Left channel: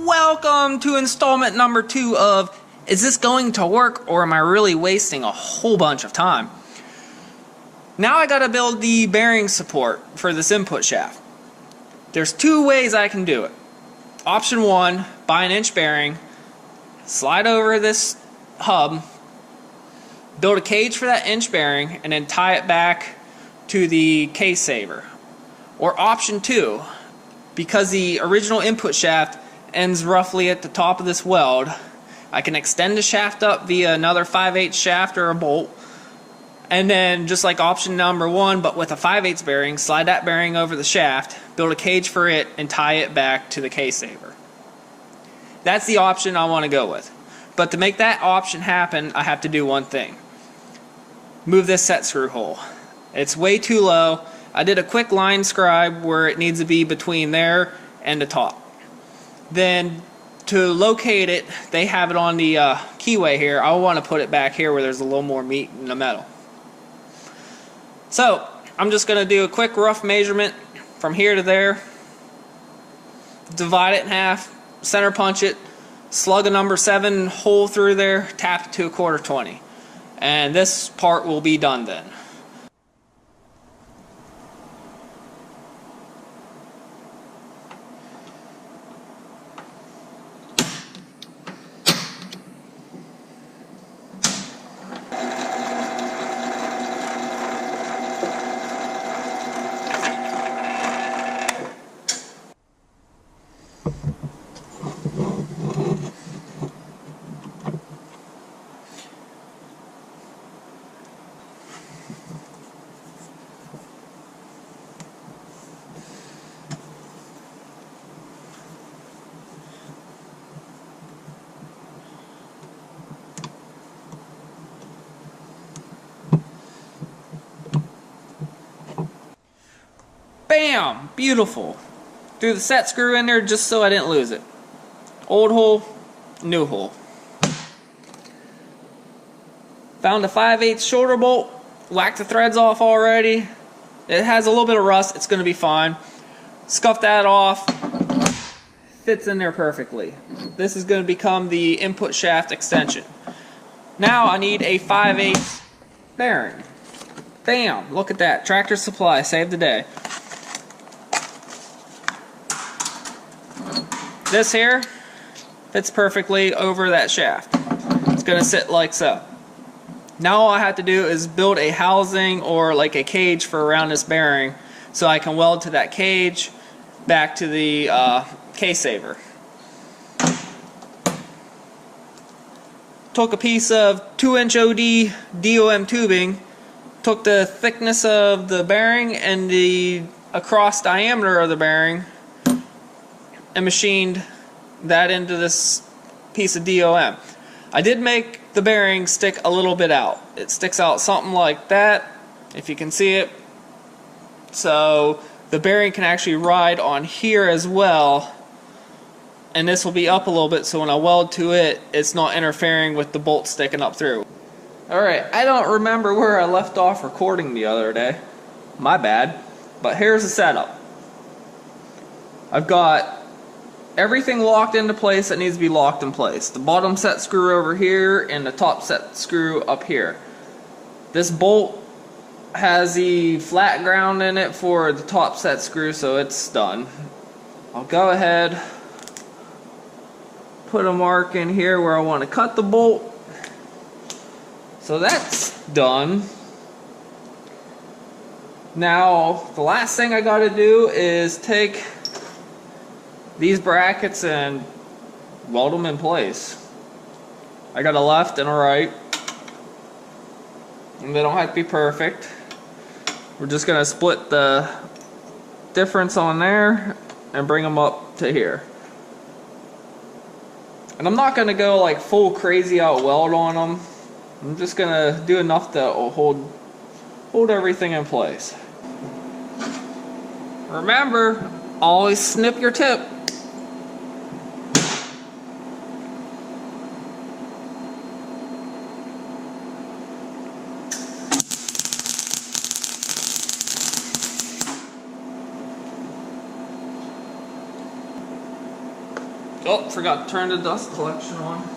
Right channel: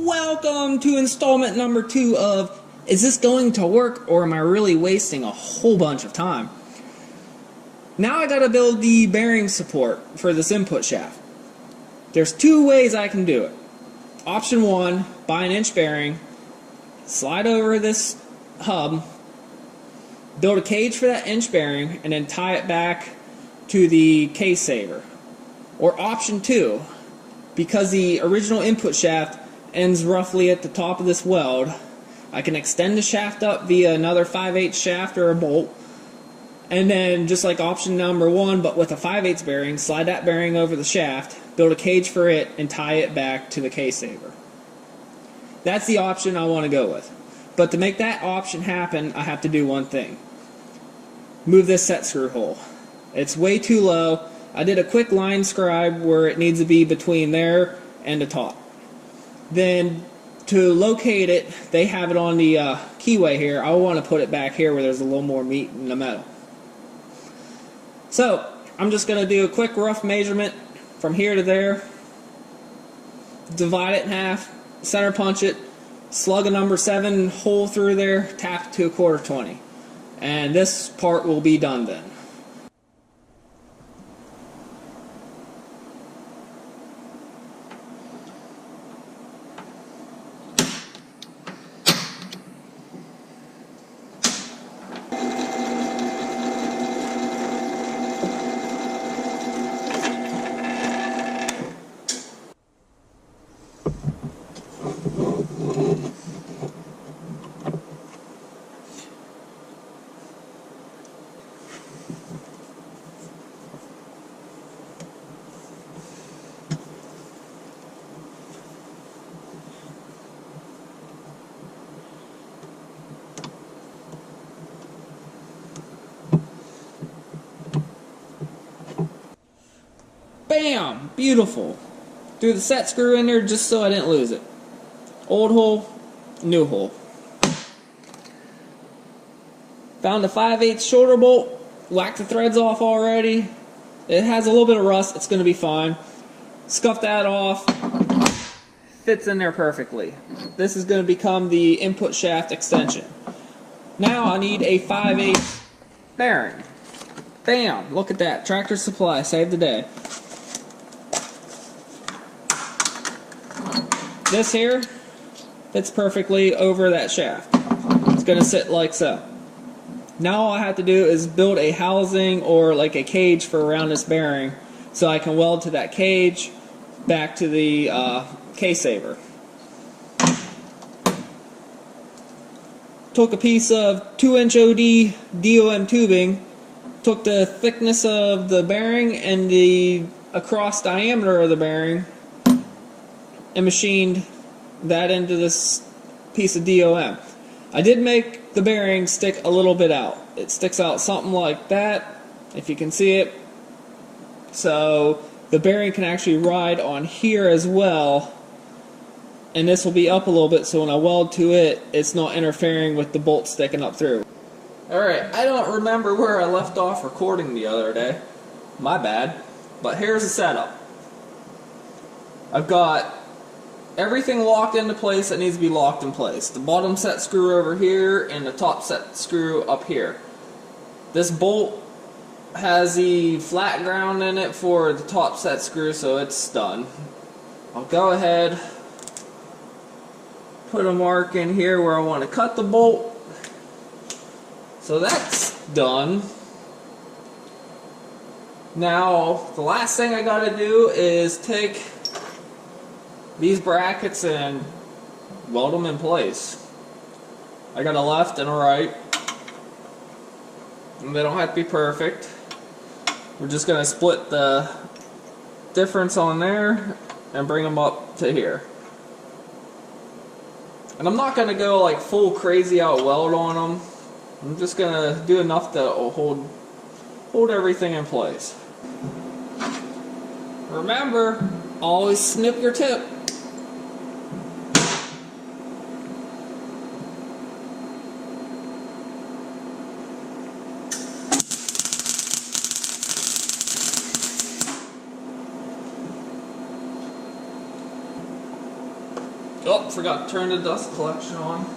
Welcome to installment number 2 of Is This Going to Work or Am I Really Wasting a Whole Bunch of Time? Now I gotta build the bearing support for this input shaft. There's 2 ways I can do it. Option 1, buy an inch bearing, slide over this hub, build a cage for that inch bearing, and then tie it back to the case saver. Or option 2, because the original input shaft ends roughly at the top of this weld, I can extend the shaft up via another 5/8 shaft or a bolt, and then just like option number 1 but with a 5/8 bearing, slide that bearing over the shaft, build a cage for it, and tie it back to the case saver. That's the option I want to go with. But to make that option happen, I have to do one thing. Move this set screw hole. It's way too low. I did a quick line scribe where it needs to be between there and the top. Then to locate it, they have it on the keyway here. I want to put it back here where there's a little more meat in the metal. So I'm just going to do a quick rough measurement from here to there. Divide it in half, center punch it, slug a number 7 hole through there, tap it to a 1/4 20. And this part will be done then. Bam! Beautiful. Threw the set screw in there just so I didn't lose it. Old hole, new hole. Found a 5/8 shoulder bolt. Whacked the threads off already. It has a little bit of rust. It's going to be fine. Scuff that off. Fits in there perfectly. This is going to become the input shaft extension. Now I need a 5/8 bearing. Bam! Look at that. Tractor Supply saved the day. This here fits perfectly over that shaft. It's going to sit like so. Now all I have to do is build a housing or like a cage for around this bearing so I can weld to that cage back to the case saver. Took a piece of 2-inch OD DOM tubing, took the thickness of the bearing and the across diameter of the bearing, and machined that into this piece of DOM. I did make the bearing stick a little bit out. It sticks out something like that, if you can see it. So the bearing can actually ride on here as well, and this will be up a little bit so when I weld to it, it's not interfering with the bolt sticking up through. Alright, I don't remember where I left off recording the other day. My bad. But here's the setup. I've got everything locked into place that needs to be locked in place. The bottom set screw over here and the top set screw up here. This bolt has the flat ground in it for the top set screw, so it's done. I'll go ahead, put a mark in here where I want to cut the bolt. So that's done. Now the last thing I gotta do is take these brackets and weld them in place. I got a left and a right, and they don't have to be perfect. We're just gonna split the difference on there and bring them up to here. And I'm not gonna go like full crazy out weld on them. I'm just gonna do enough to hold everything in place. Remember, always snip your tip. Oh, forgot to turn the dust collection on.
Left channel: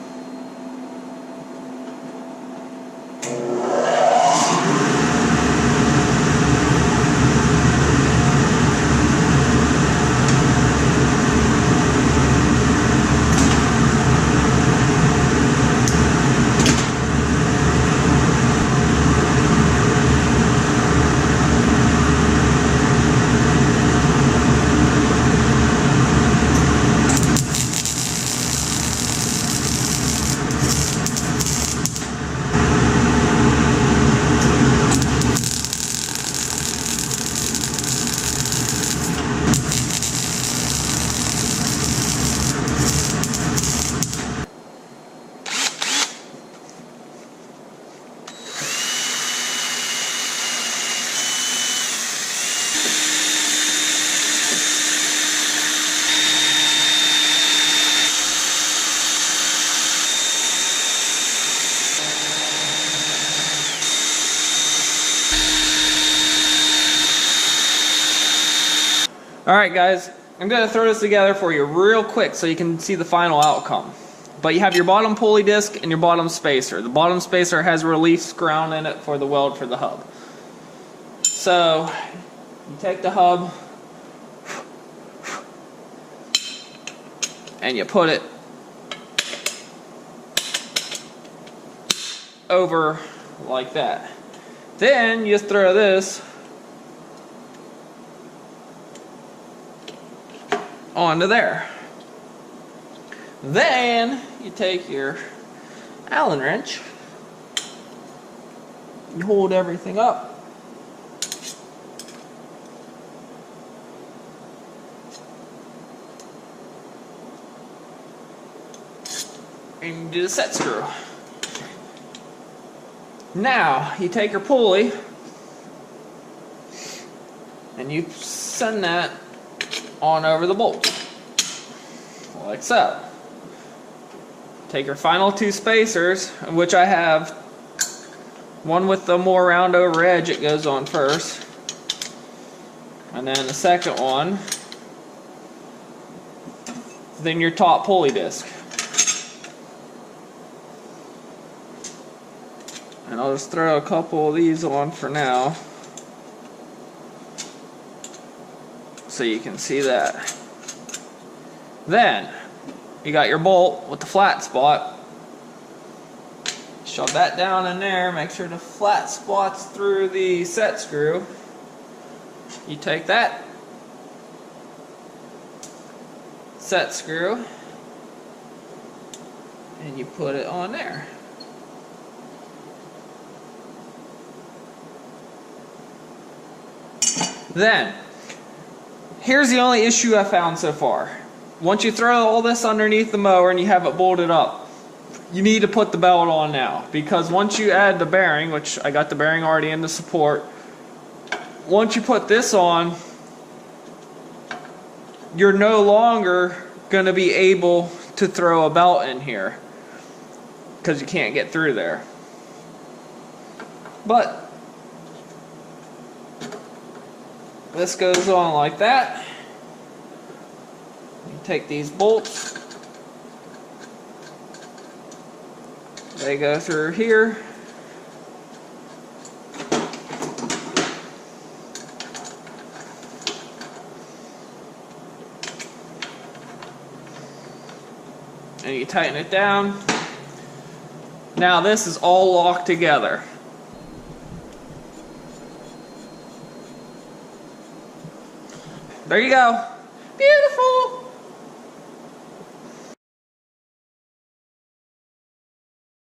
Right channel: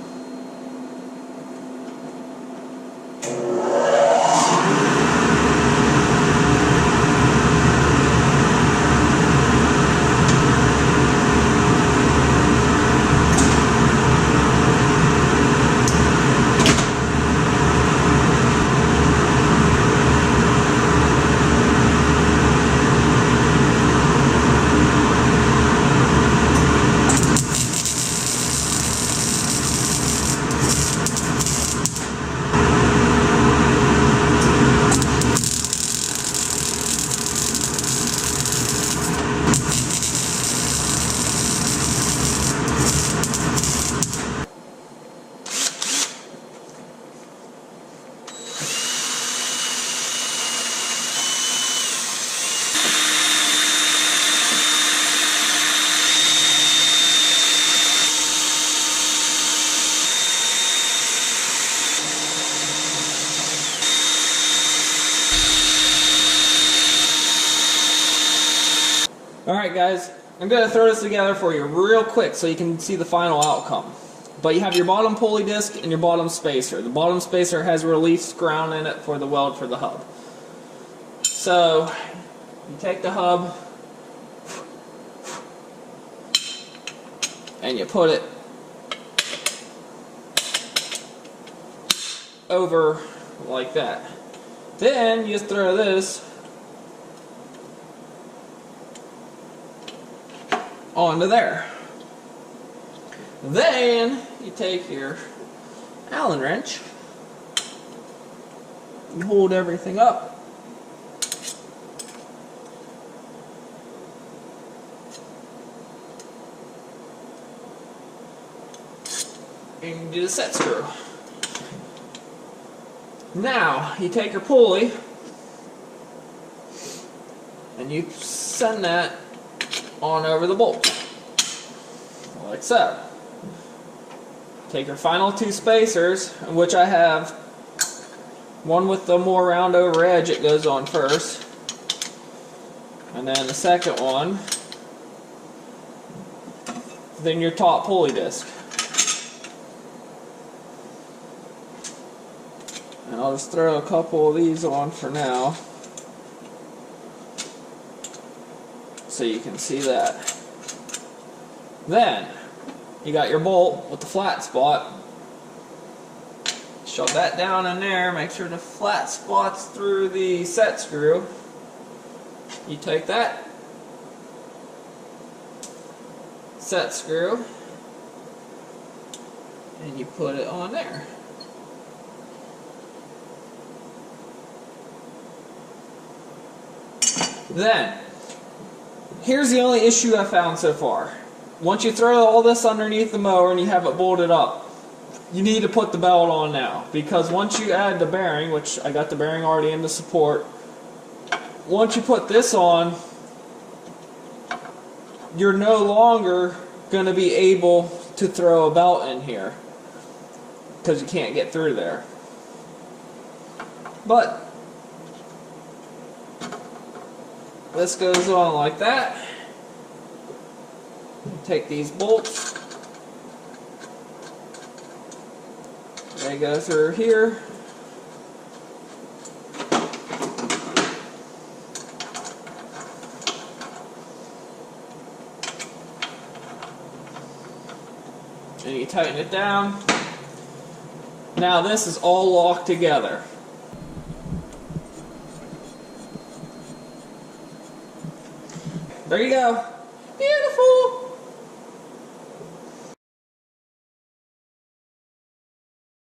Alright guys, I'm going to throw this together for you real quick so you can see the final outcome. But you have your bottom pulley disc and your bottom spacer. The bottom spacer has a relief ground in it for the weld for the hub. So, you take the hub and you put it over like that. Then you throw this onto there. Then you take your Allen wrench, you hold everything up, and you do the set screw. Now you take your pulley and you send that on over the bolt, like so. Take your final two spacers, which I have one with the more round over edge, it goes on first, and then the second one, then your top pulley disc. And I'll just throw a couple of these on for now, so you can see that. Then you got your bolt with the flat spot. Shove that down in there, make sure the flat spot's through the set screw. You take that set screw and you put it on there. Then here's the only issue I found so far. Once you throw all this underneath the mower and you have it bolted up, you need to put the belt on now, because once you add the bearing, which I got the bearing already in the support, once you put this on, you're no longer going to be able to throw a belt in here because you can't get through there. But this goes on like that. You take these bolts, they go through here, and you tighten it down. Now this is all locked together. There you go. Beautiful.